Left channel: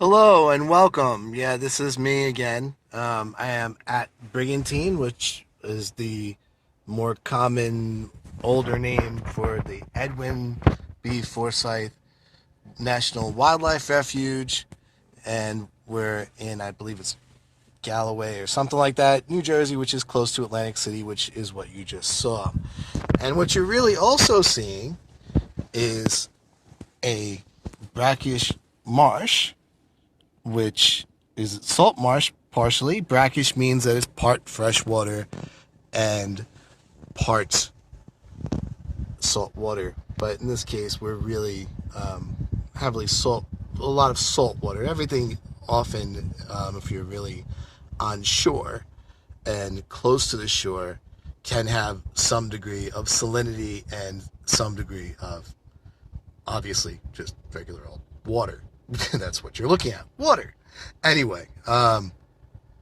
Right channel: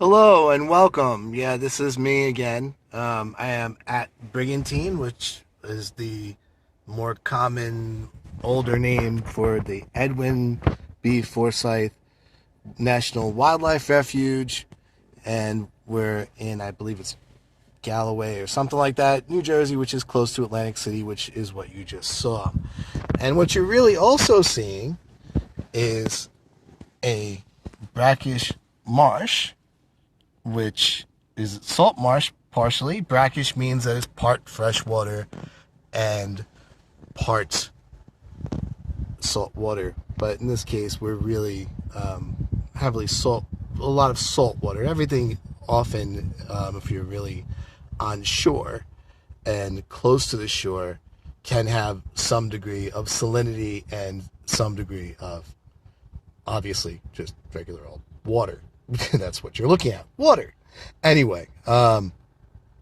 Hello and welcome. Yeah, this is me again. I am at Brigantine, which is the more common, older name for the Edwin B. Forsyth National Wildlife Refuge, and we're in, I believe it's Galloway or something like that, New Jersey, which is close to Atlantic City, which is what you just saw. And what you're really also seeing is a brackish marsh, which is salt marsh partially. Brackish means that it's part freshwater and part salt water. But in this case, we're really heavily a lot of salt water. Everything often, if you're really on shore and close to the shore, can have some degree of salinity and some degree of, obviously, just regular old water. That's what you're looking at, water. Anyway, I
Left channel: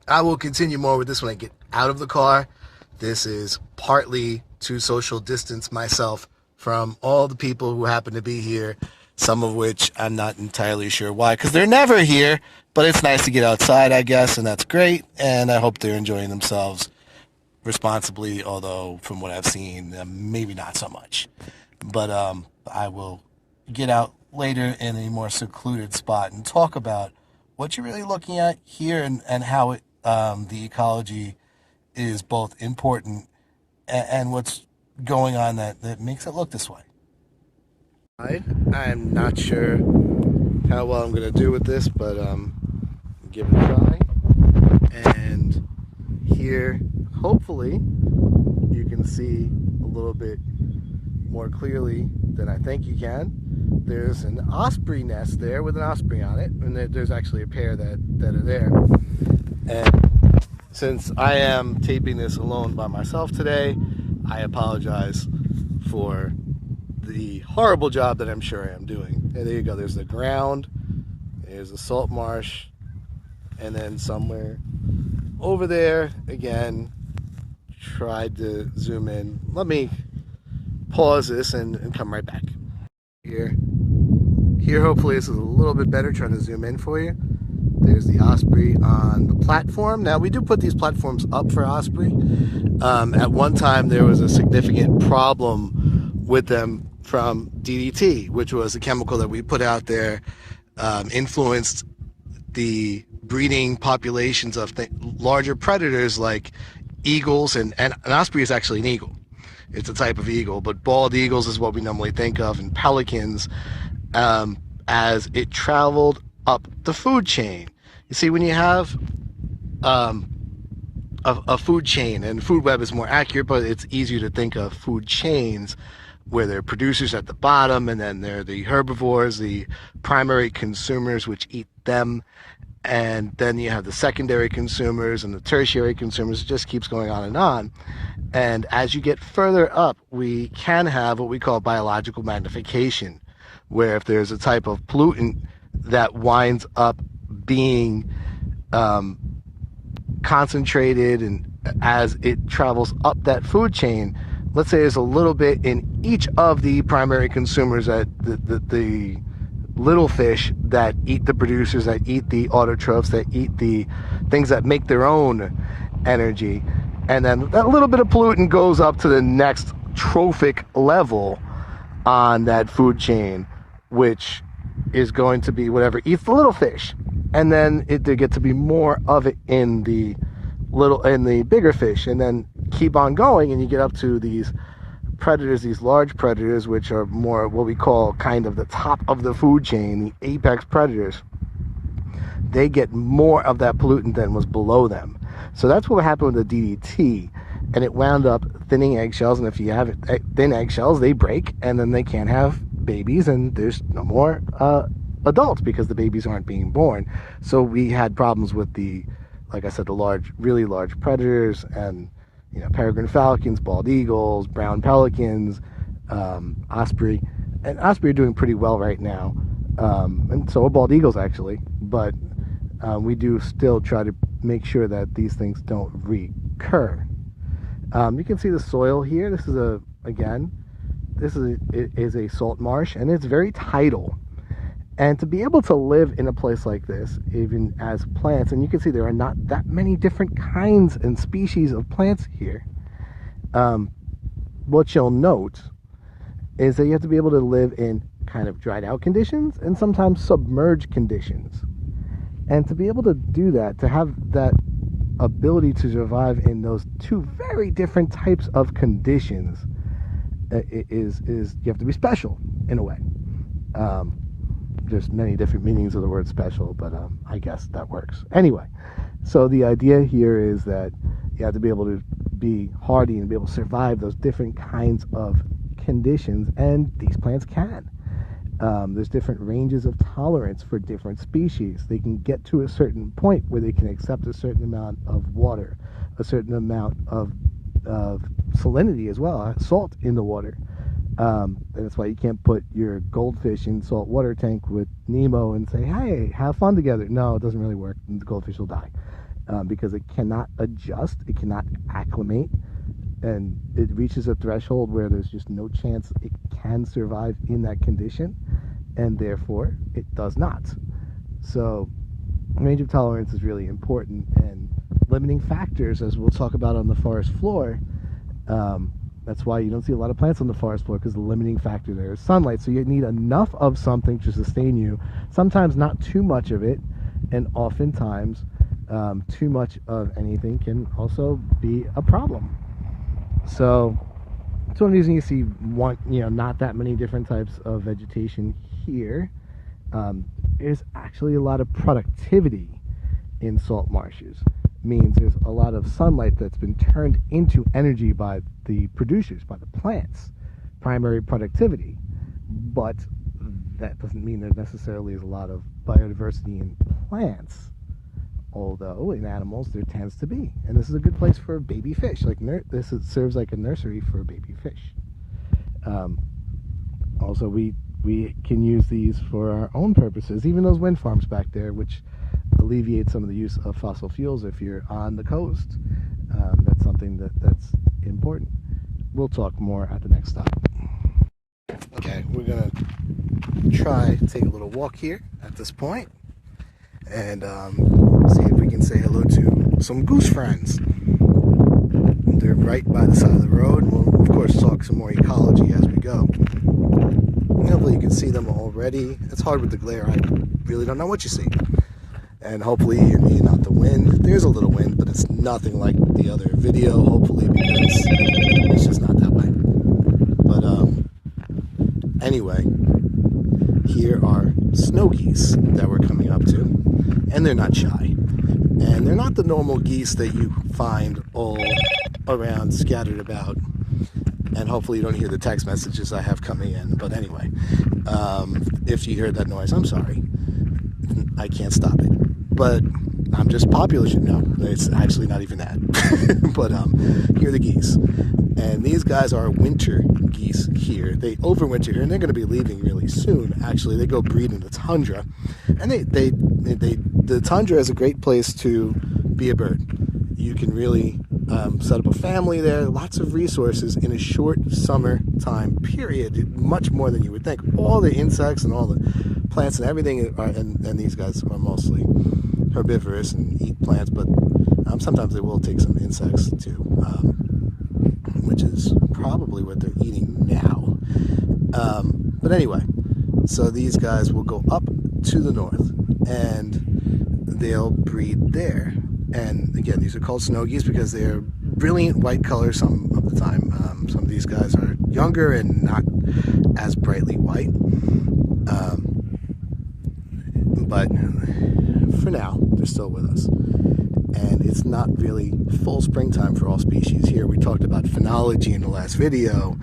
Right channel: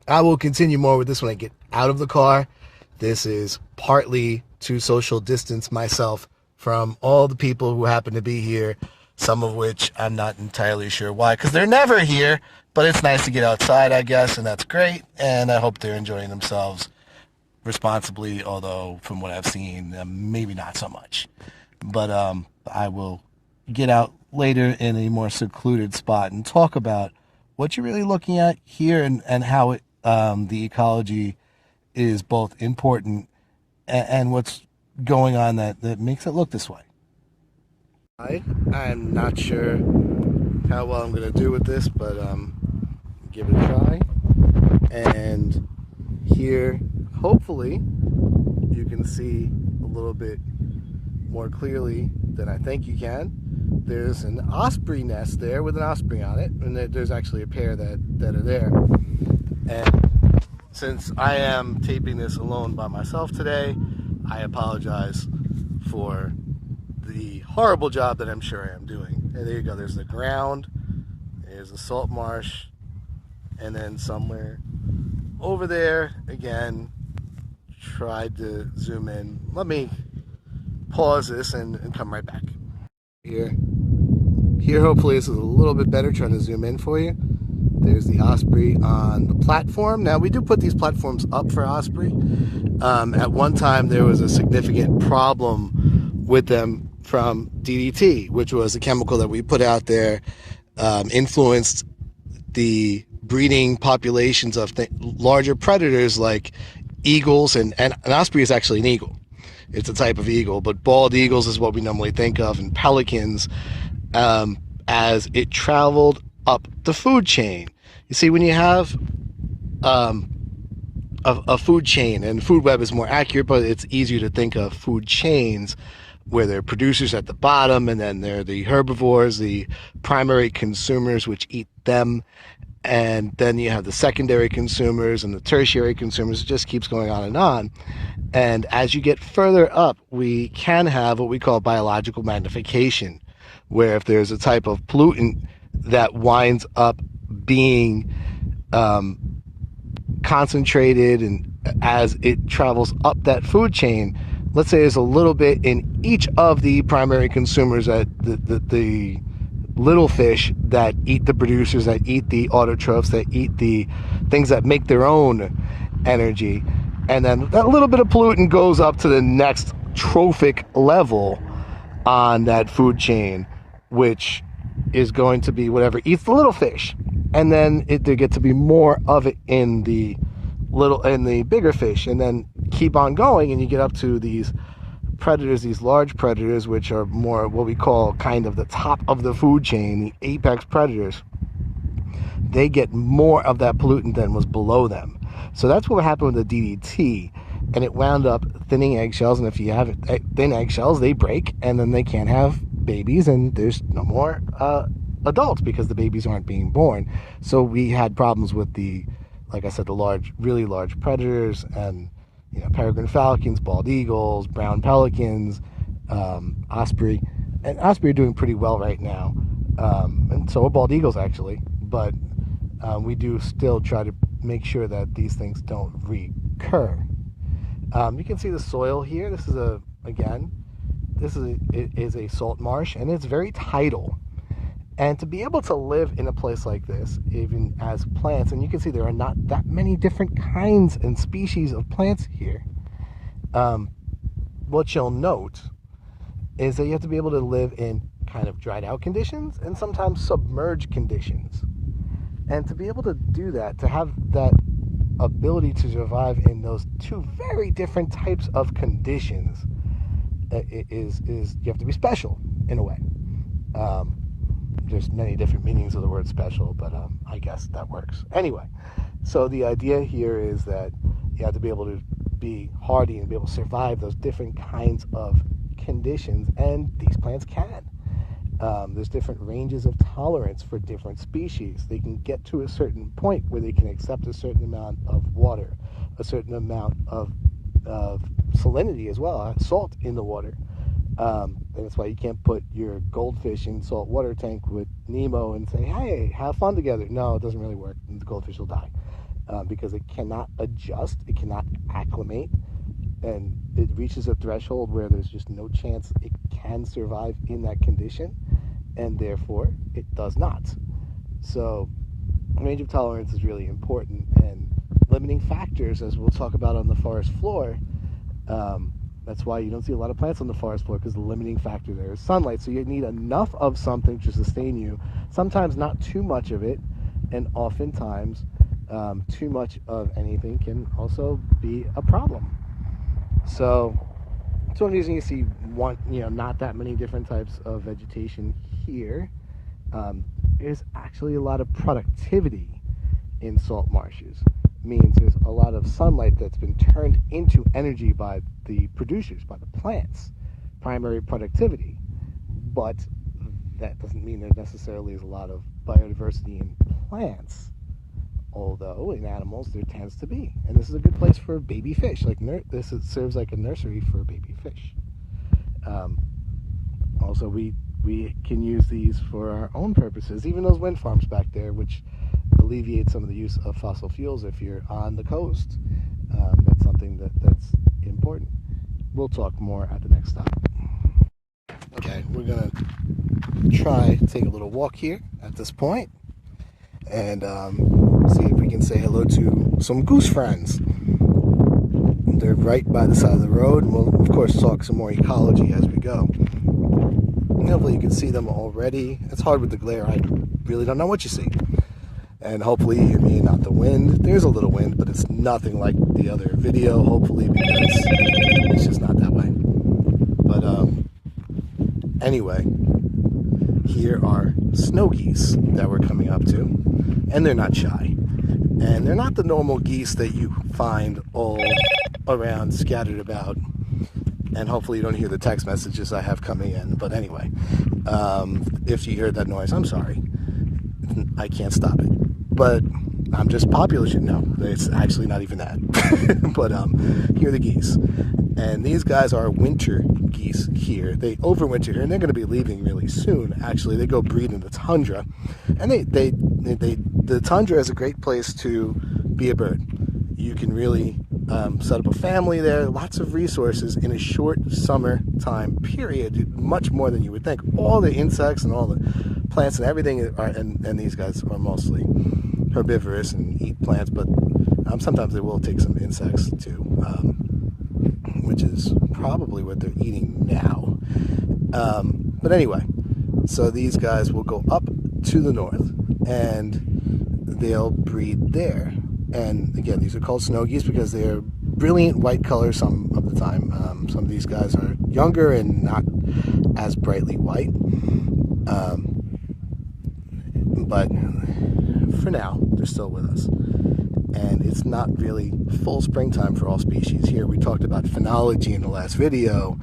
will continue more with this when I get out of the car. This is partly to social distance myself from all the people who happen to be here, some of which I'm not entirely sure why, because they're never here, but it's nice to get outside, I guess, and that's great, and I hope they're enjoying themselves responsibly, although from what I've seen, maybe not so much. But I will get out later in a more secluded spot and talk about what you're really looking at here and how the ecology is both important and what's going on that makes it look this way. I'm not sure how well I'm going to do with this, but give it a try. And here, hopefully, you can see a little bit more clearly than I think you can. There's an osprey nest there with an osprey on it, and there's actually a pair that are there. And since I am taping this alone by myself today, I apologize for the horrible job that I'm sure I am doing. And there you go, there's the ground, there's the salt marsh, and then somewhere over there, again, tried to zoom in. Let me pause this and come right back. Here, hopefully this is a little bit better, trying to zoom in for you. There's the osprey on the platform. Now, we do put these platforms up for osprey. At one time, there was a significant problem with them from DDT, which was a chemical that we put out there, influenced the breeding populations of larger predators like eagles, and an osprey is actually an eagle. It's a type of eagle, but bald eagles is what we normally think of, and pelicans, as it traveled up the food chain. You see, when you have a food chain, and food web is more accurate, but it's easier to think of food chains where there are producers at the bottom, and then there are the herbivores, the primary consumers, which eat them, and then you have the secondary consumers and the tertiary consumers. It just keeps going on and on. And as you get further up, we can have what we call biological magnification, where if there's a type of pollutant that winds up being concentrated, and as it travels up that food chain, let's say there's a little bit in each of the primary consumers, that the little fish that eat the producers, that eat the autotrophs, that eat the things that make their own energy, and then that little bit of pollutant goes up to the next trophic level on that food chain, which is going to be whatever eats the little fish, and then there gets to be more of it in the bigger fish, and then keep on going, and you get up to these predators, these large predators, which are more what we call kind of the top of the food chain, the apex predators. They get more of that pollutant than was below them. So that's what happened with the DDT, and it wound up thinning eggshells, and if you have thin eggshells, they break, and then they can't have babies, and there's no more adults because the babies aren't being born. So we had problems with like I said, the really large predators, and peregrine falcons, bald eagles, brown pelicans, osprey. And osprey are doing pretty well right now, and so are bald eagles actually. But we do still try to make sure that these things don't recur. You can see the soil here. This is a salt marsh, and it's very tidal. And to be able to live in a place like this, even as plants, and you can see there are not that many different kinds and species of plants here, what you'll note is that you have to be able to live in kind of dried out conditions and sometimes submerged conditions. And to be able to do that, to have that ability to survive in those two very different types of conditions, is you have to be special in a way. There's many different meanings of the word special, but I guess that works. Anyway, so the idea here is that you have to be able to be hardy and be able to survive those different kinds of conditions, and these plants can. There's different ranges of tolerance for different species. They can get to a certain point where they can accept a certain amount of water, a certain amount of salinity as well, salt in the water. And that's why you can't put your goldfish in salt water tank with Nemo and say, hey, have fun together. No, it doesn't really work. The goldfish will die because it cannot adjust. It cannot acclimate. And it reaches a threshold where there's just no chance it can survive in that condition. And therefore, it does not. So range of tolerance is really important. And limiting factors, as we'll talk about on the forest floor, that's why you don't see a lot of plants on the forest floor, because the limiting factor there is sunlight. So you need enough of something to sustain you, sometimes not too much of it, and oftentimes too much of anything can also be a problem. So it's one reason you see not that many different types of vegetation here. There's actually a lot of productivity in salt marshes. Means there's a lot of sunlight that's been turned into energy by the producers, by the plants, primary productivity. But that doesn't mean there necessarily is a lot of biodiversity in plants, although in animals there tends to be. And this is a good place for baby fish. This serves like a nursery for baby fish. Also, we can use these for our own purposes, even those wind farms back there, which alleviate some of the use of fossil fuels if you're on the coast. That's something that's important. We'll talk more at the next stop. Okay, we're gonna try to take a little walk here at this point and see if we can say hello to some goose friends. They're right by the side of the road, and we'll of course talk some more ecology as we go. Hopefully you can see them already. It's hard with the glare. I really don't know what you see. And hopefully you mean not the wind. There's a little wind, but it's nothing like the other video, hopefully, because it's just not that way. But anyway, here are snow geese that we're coming up to, and they're not shy. And they're not the normal geese that you find all around, scattered about. And hopefully you don't hear the text messages I have coming in. But anyway, if you heard that noise, I'm sorry. I can't stop it. But I'm just popular. No, it's actually not even that. But here are the geese. And these guys are winter geese here. They overwinter here, and they're going to be leaving really soon. Actually, they go breed in the tundra. And the tundra is a great place to be a bird. You can really set up a family there. Lots of resources in a short summertime period, much more than you would think. All the insects and all the plants and everything are, and these guys are mostly herbivorous and eat plants, but sometimes they will take some insects too, which is probably what they're eating now. But anyway, so these guys will go up to the north and they'll breed there. And again, these are called snow geese because they're brilliant white color some of the time. Some of these guys are younger and not as brightly white. But for now, they're still with us. And it's not really full springtime for all species here. We talked about phenology in the last video,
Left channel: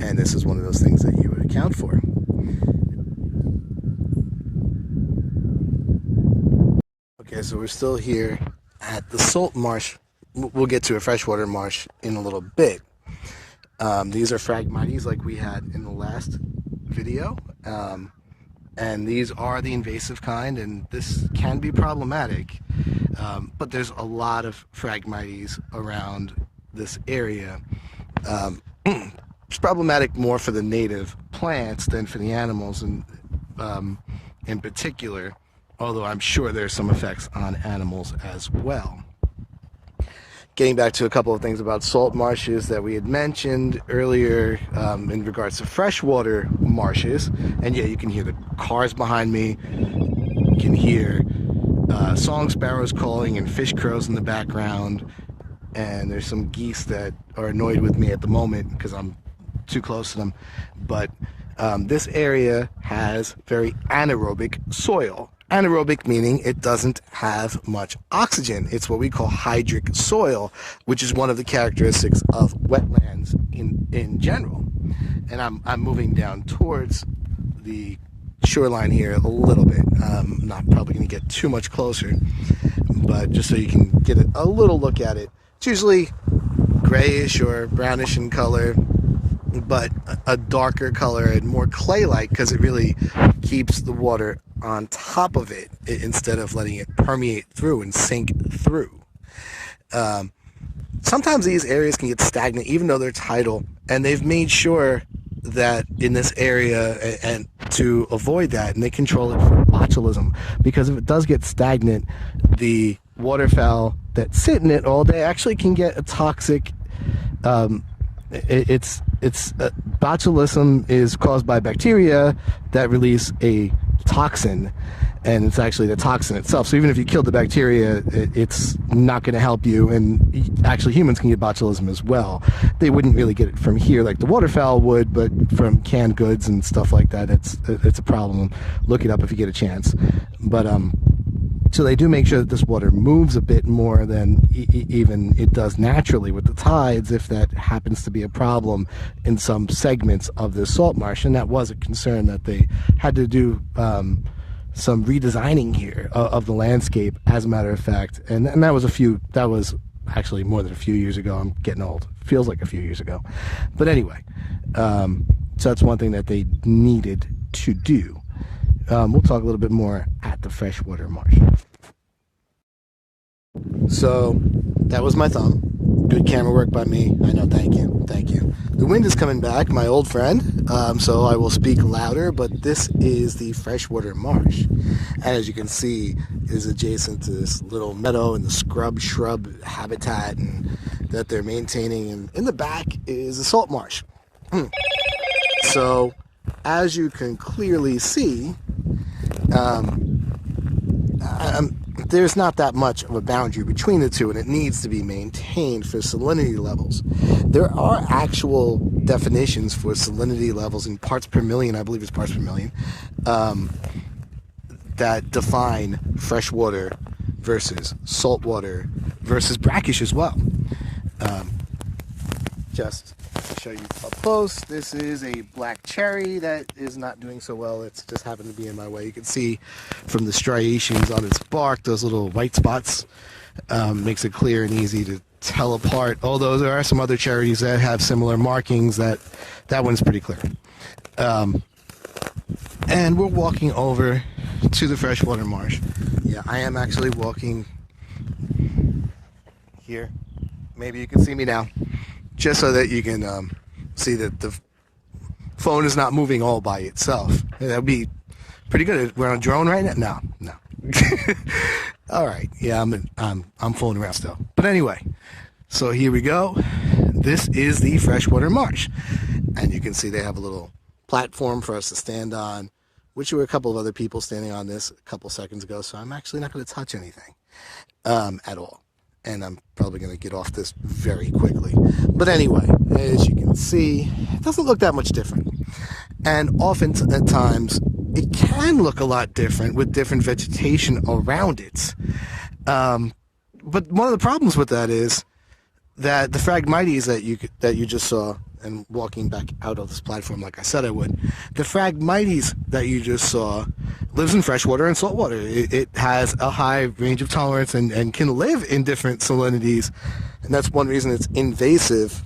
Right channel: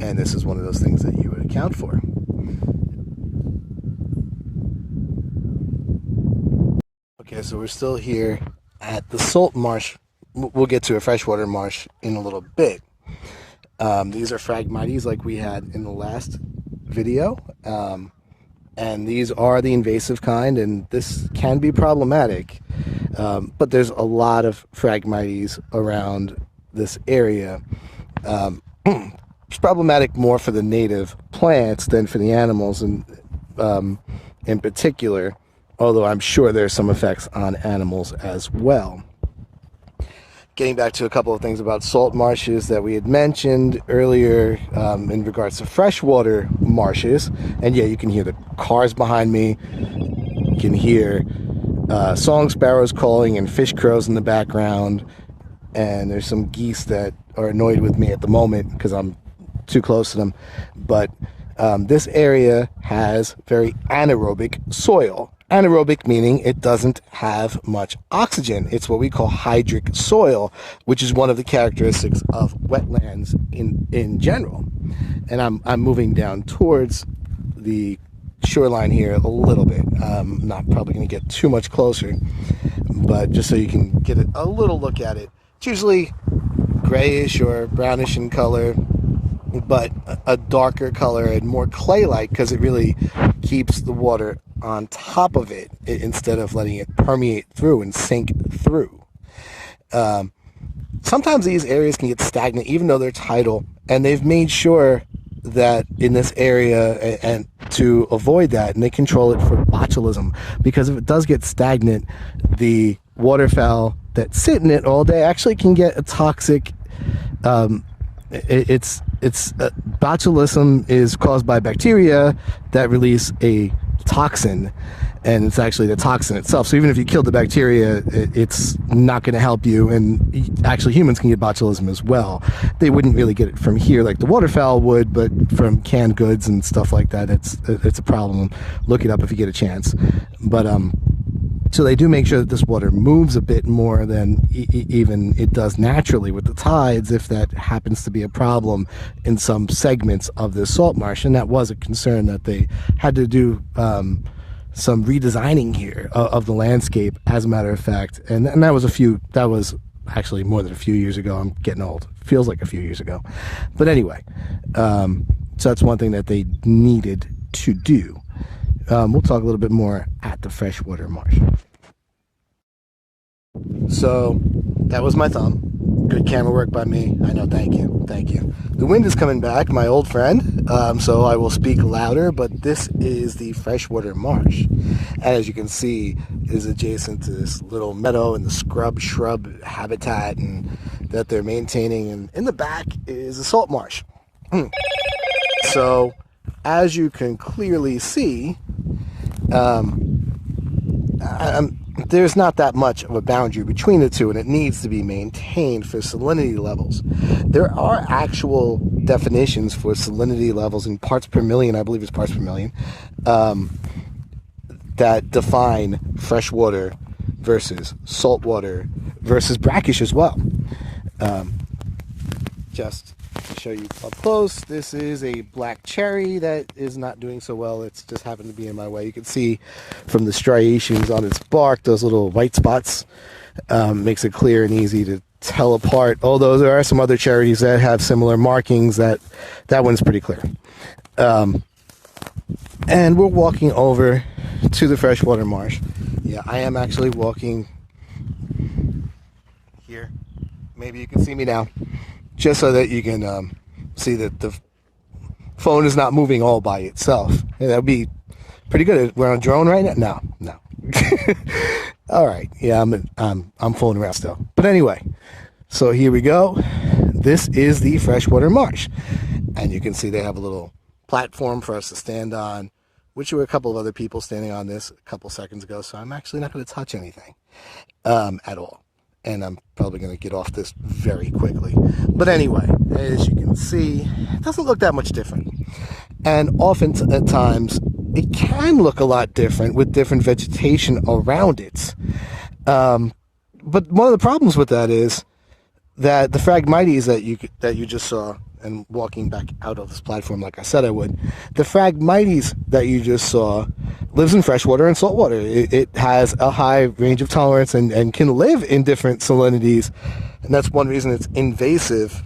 and this is one of those things that you would account for. Okay, so we're still here at the salt marsh. We'll get to a freshwater marsh in a little bit. These are Phragmites like we had in the last video. And these are the invasive kind, and this can be problematic. But there's a lot of Phragmites around this area. It's problematic more for the native plants than for the animals, and in particular, although I'm sure there's some effects on animals as well. Getting back to a couple of things about salt marshes that we had mentioned earlier in regards to freshwater marshes. And yeah, you can hear the cars behind me. You can hear song sparrows calling and fish crows in the background. And there's some geese that are annoyed with me at the moment because I'm too close to them. But this area has very anaerobic soil. Anaerobic meaning it doesn't have much oxygen. It's what we call hydric soil, which is one of the characteristics of wetlands in general. And I'm moving down towards the shoreline here a little bit. I'm not probably going to get too much closer, but just so you can get a little look at it. It's usually grayish or brownish in color, but a darker color and more clay-like because it really keeps the water on top of it instead of letting it permeate through and sink through. Sometimes these areas can get stagnant even though they're tidal, and they've made sure that in this area and to avoid that, and they control it for botulism, because if it does get stagnant, the waterfowl that sit in it all day actually can get a toxic botulism is caused by bacteria that release a toxin, and it's actually the toxin itself. So even if you kill the bacteria, it's not going to help you, and actually humans can get botulism as well. They wouldn't really get it from here like the waterfowl would, but from canned goods and stuff like that, it's a problem. Look it up if you get a chance. But so they do make sure that this water moves a bit more than even it does naturally with the tides, if that happens to be a problem in some segments of this salt marsh. And that was a concern that they had to do some redesigning here of the landscape, as a matter of fact. And that was actually more than a few years ago. I'm getting old. Feels like a few years ago. But anyway, so that's one thing that they needed to do. We'll talk a little bit more at the freshwater marsh. So that was my thumb. Good camera work by me. I know, thank you. The wind is coming back, my old friend, so I will speak louder, but this is the freshwater marsh. As you can see, is adjacent to this little meadow and the shrub habitat and that they're maintaining, and in the back is a salt marsh. So, as you can clearly see, there's not that much of a boundary between the two, and it needs to be maintained for salinity levels. There are actual definitions for salinity levels in parts per million, I believe it's parts per million, that define freshwater versus saltwater versus brackish as well. Just to show you up close, this is a black cherry that is not doing so well. It's just happened to be in my way. You can see from the striations on its bark, those little white spots, makes it clear and easy to tell apart. Although there are some other cherries that have similar markings, that one's pretty clear. And we're walking over to the freshwater marsh. Yeah, I am actually walking here. Maybe you can see me now, just so that you can see that the phone is not moving all by itself. That would be pretty good. We're on a drone right now? No. All right. Yeah, I'm fooling around still. But anyway, so here we go. This is the freshwater marsh. And you can see they have a little platform for us to stand on, which there were a couple of other people standing on this a couple seconds ago. So I'm actually not going to touch anything at all. And I'm probably going to get off this very quickly. But anyway, as you can see, it doesn't look that much different. And often at times, it can look a lot different with different vegetation around it. But one of the problems with that is that the Phragmites that you just saw, and walking back out of this platform like I said I would, the Phragmites that you just saw lives in freshwater and saltwater. It has a high range of tolerance and can live in different salinities. And that's one reason it's invasive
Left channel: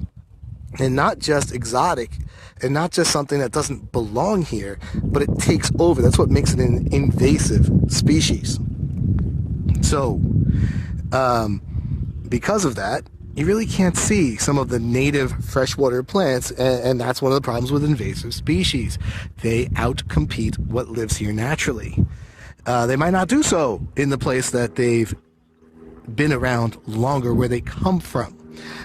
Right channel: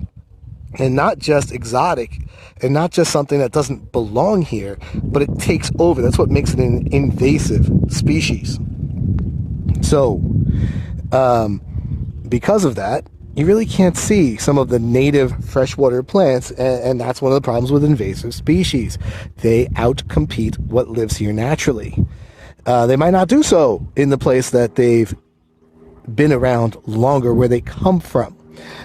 and not just exotic and not just something that doesn't belong here, but it takes over. That's what makes it an invasive species. So, because of that, you really can't see some of the native freshwater plants, and that's one of the problems with invasive species. They outcompete what lives here naturally. They might not do so in the place that they've been around longer, where they come from,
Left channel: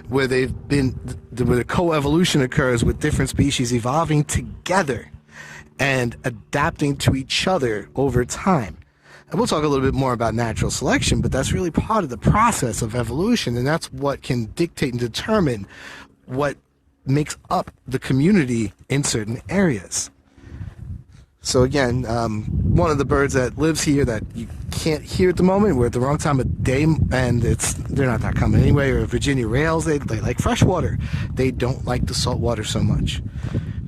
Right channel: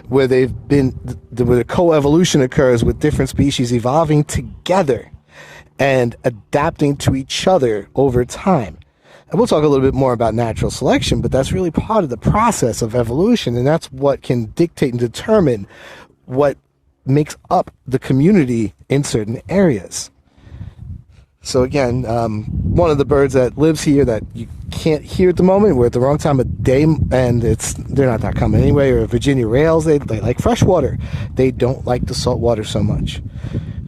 where they've been, where the coevolution occurs with different species evolving together and adapting to each other over time. And we'll talk a little bit more about natural selection, but that's really part of the process of evolution, and that's what can dictate and determine what makes up the community in certain areas. So again, one of the birds that lives here that you can't hear at the moment, we're at the wrong time of day, and they're not that common anyway, are Virginia rails. They like freshwater. They don't like the salt water so much.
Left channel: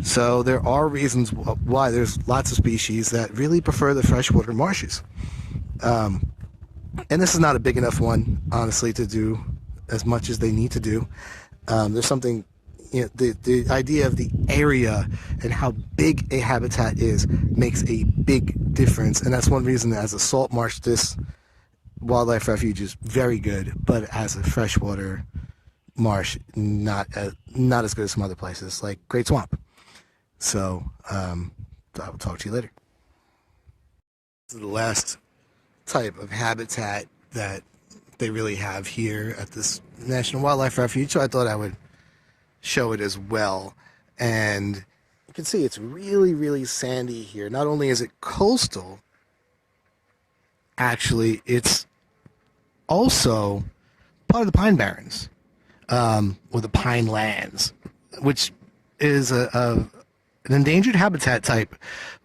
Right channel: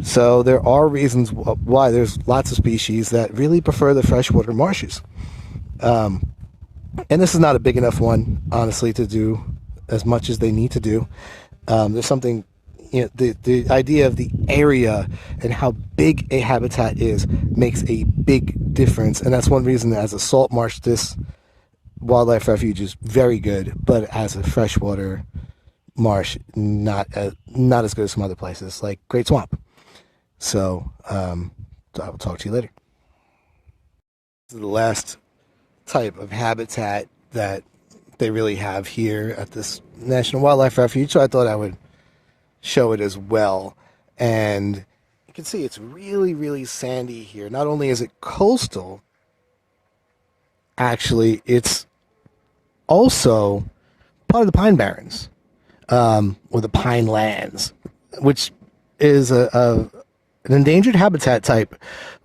So there are reasons why there's lots of species that really prefer the freshwater marshes. And this is not a big enough one, honestly, to do as much as they need to do. There's something, the idea of the area and how big a habitat is makes a big difference. And that's one reason that as a salt marsh, this wildlife refuge is very good, but as a freshwater marsh, not as good as some other places, like Great Swamp. So I will talk to you later. This is the last type of habitat that they really have here at this National Wildlife Refuge, so I thought I would show it as well. And you can see it's really, really sandy here. Not only is it coastal, actually, it's also part of the Pine Barrens, or the Pine Lands, which is an endangered habitat type,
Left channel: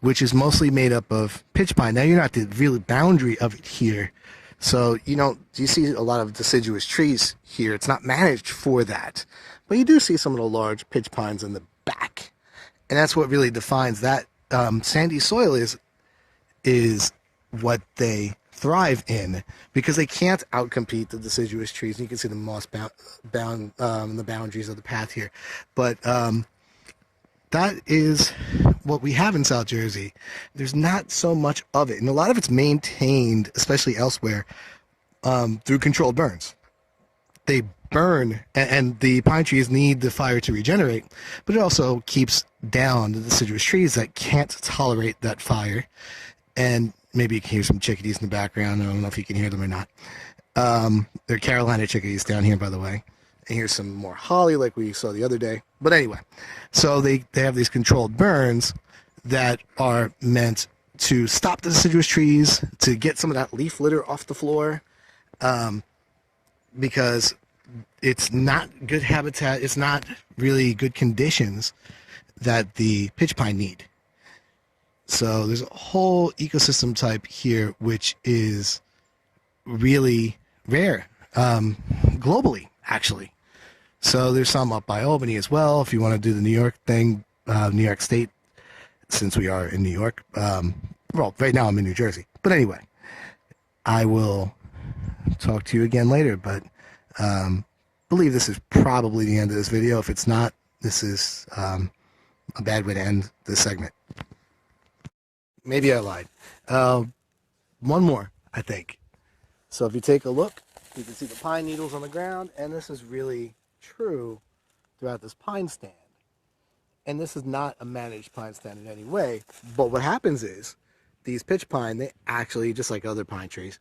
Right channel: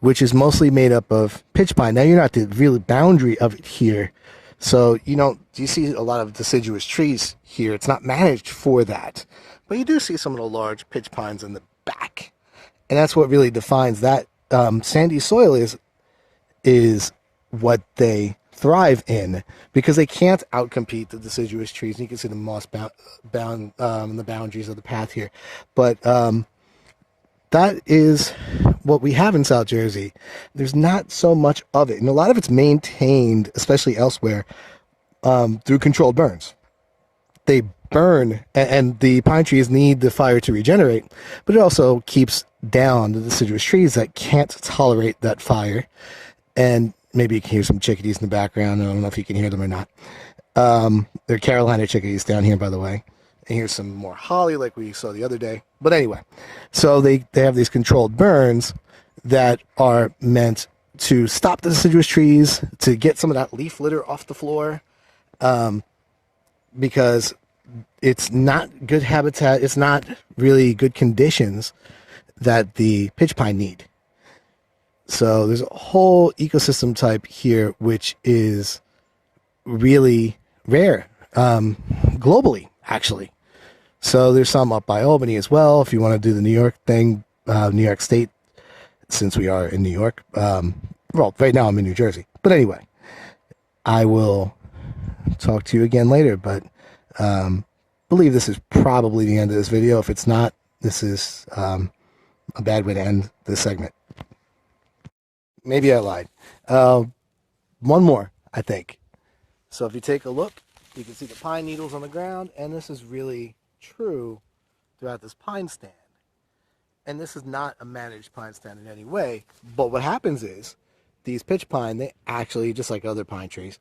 which is mostly made up of pitch pine. Now, you're not the real boundary of it here, so you see a lot of deciduous trees here. It's not managed for that, but you do see some of the large pitch pines in the back, and that's what really defines that. Sandy soil is what they thrive in, because they can't outcompete the deciduous trees. And you can see the moss bound the boundaries of the path here, but that is what we have in South Jersey. There's not so much of it, and a lot of it's maintained, especially elsewhere, through controlled burns. They burn, and the pine trees need the fire to regenerate, but it also keeps down the deciduous trees that can't tolerate that fire. And maybe you can hear some chickadees in the background. I don't know if you can hear them or not. They're Carolina chickadees down here, by the way. And here's some more holly like we saw the other day. But anyway, so they have these controlled burns that are meant to stop the deciduous trees, to get some of that leaf litter off the floor, because it's not good habitat. It's not really good conditions that the pitch pine need. So there's a whole ecosystem type here which is really rare, globally, actually. So there's some up by Albany as well, if you want to do the New York thing, New York State, since we are in New York. Well, right now I'm in New Jersey. But anyway, I will talk to you again later, but believe this is probably the end of this video. If it's not, this is a bad way to end this segment. Maybe I lied. One more, I think. So if you take a look, you can see the pine needles on the ground, and this is really true throughout this pine stand. And this is not a managed pine stand in any way, but what happens is these pitch pine, they actually, just like other pine trees,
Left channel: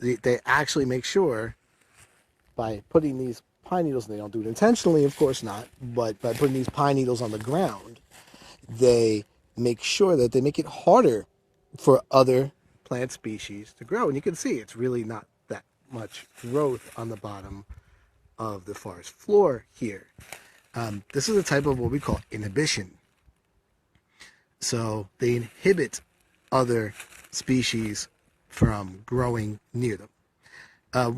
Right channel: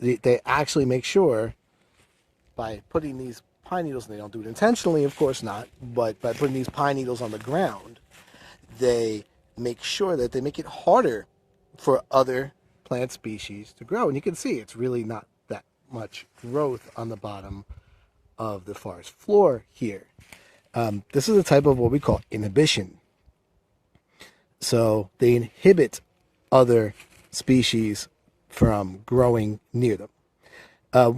they actually make sure, by putting these pine needles, and they don't do it intentionally, of course not, but by putting these pine needles on the ground, they make sure that they make it harder for other plant species to grow. And you can see it's really not that much growth on the bottom of the forest floor here. This is a type of what we call inhibition. So they inhibit other species from growing near them.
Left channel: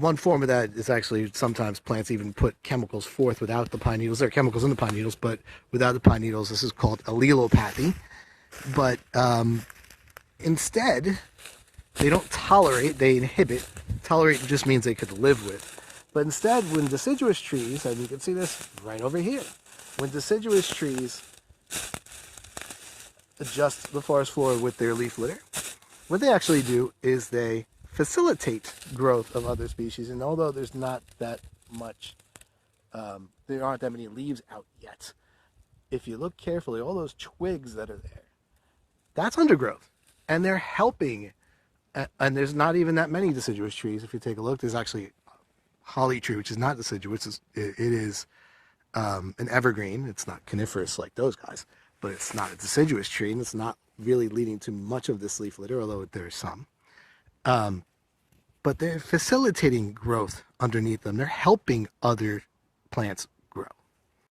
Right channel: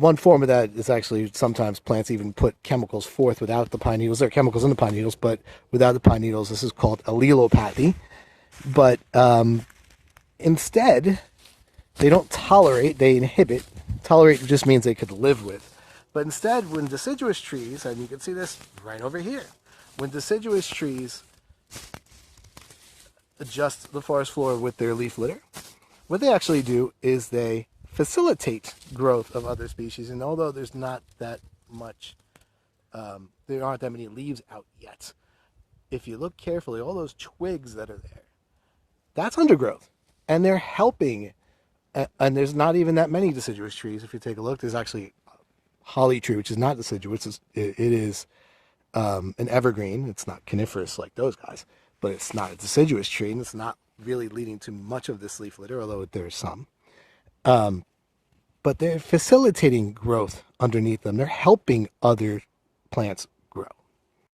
One form of that is actually sometimes plants even put chemicals forth without the pine needles. There are chemicals in the pine needles, but without the pine needles, this is called allelopathy. But instead, they don't tolerate, they inhibit. Tolerate just means they could live with. But instead, when deciduous trees, and you can see this right over here, when deciduous trees adjust the forest floor with their leaf litter, what they actually do is they facilitate growth of other species. And although there's not that much, there aren't that many leaves out yet, if you look carefully, all those twigs that are there, that's undergrowth. And they're helping. And there's not even that many deciduous trees. If you take a look, there's actually holly tree, which is not deciduous. It is an evergreen. It's not coniferous like those guys, but it's not a deciduous tree, and it's not really leading to much of this leaf litter, although there is some. But they're facilitating growth underneath them. They're helping other plants